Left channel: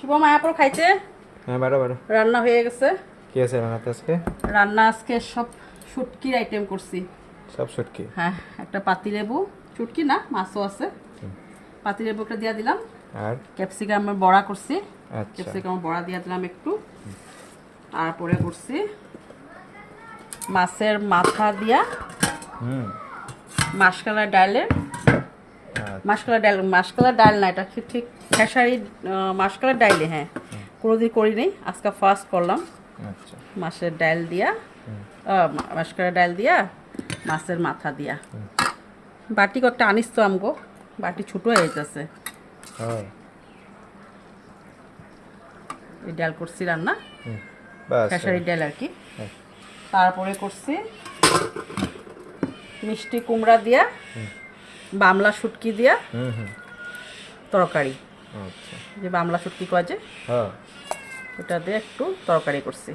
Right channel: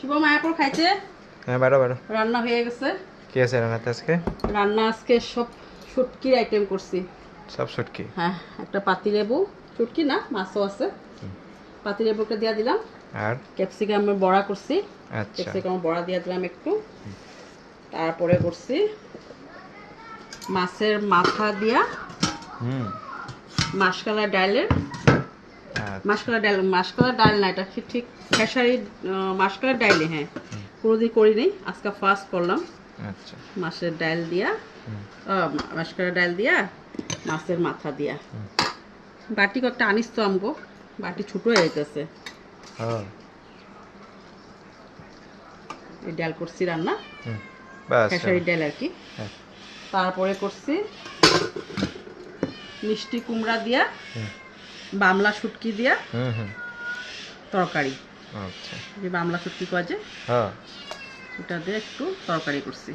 শুভ মায়াপুর খাইছে। হ্যাঁ বারো বারো রান্না হয়ে গেছে। কি আছে রান্নাতে আজকে? রান্না আজকে সব শুটকির আইটেম করছি। সব শুটকি? হ্যাঁ, একটা পাতিলেবু, শুটকি না মাছও আছে। পাতিলেবু একটা দিয়ে দিলাম, আর ক্যাপসিকামের বড়া করছি। আচ্ছা ক্যাপসিকামের বড়া দিয়ে দিলাম একটু। তারপরে করছি মাছের মাথা দিয়া হুম মাসকালা ডালের আচ্ছা মাসকালা ডাল না, এটা ঠিক খেসারি মাসকালা ডাইলে। হ্যাঁ, কোনোদিন করি নাই, আজকে ফার্স্ট করলাম। আচ্ছা মাছের ডাল দিয়া মাসকালা ডাল দিয়া মাছের মাথা দিয়া। বাটি কয়েকটা আনিস তো আমগো, বাটি ছোট হয়ে যেতেছে। হ্যাঁ এই ডাল করছি রান্না, বাস খেসারি ডাল আর কি। হ্যাঁ তারপরে করছি মিষ্টি কুমড়া দিয়া বামলা শুটকি দিয়া হুম হুম তরকারি। আচ্ছা যে বামলা শুটকি পাওয়া যায়, হ্যাঁ ওটা দিয়ে একটু তরকারি করছি।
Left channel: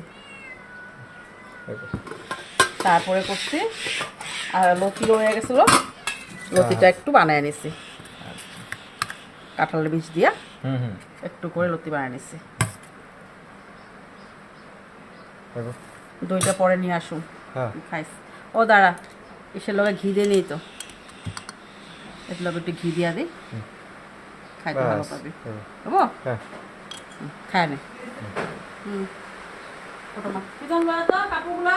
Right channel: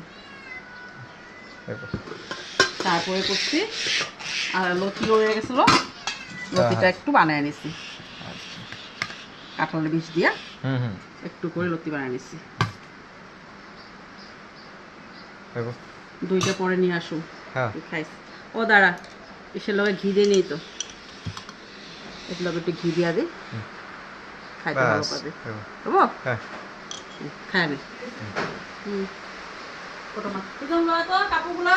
এবার তারপরে করছি আর লতি রয়ে গেছিলো, লতিটা একটু বানিয়ে নিছি কাঁঠালের বীজ দিয়া, হুম হুম একটু করে লতি বানিয়ে নিছি। এবার দইটা পরে নিয়ে আসুন, হ্যাঁ খাইস। ও দাঁড়া, এসে লগে ঘি দিয়ে নেই তো, এর লগে একটু ঘি দিয়া দিই, খাইতে ভালো বাস পাবে। এবার বুঝবো, হ্যাঁ খায় নে। কাপড়গুলা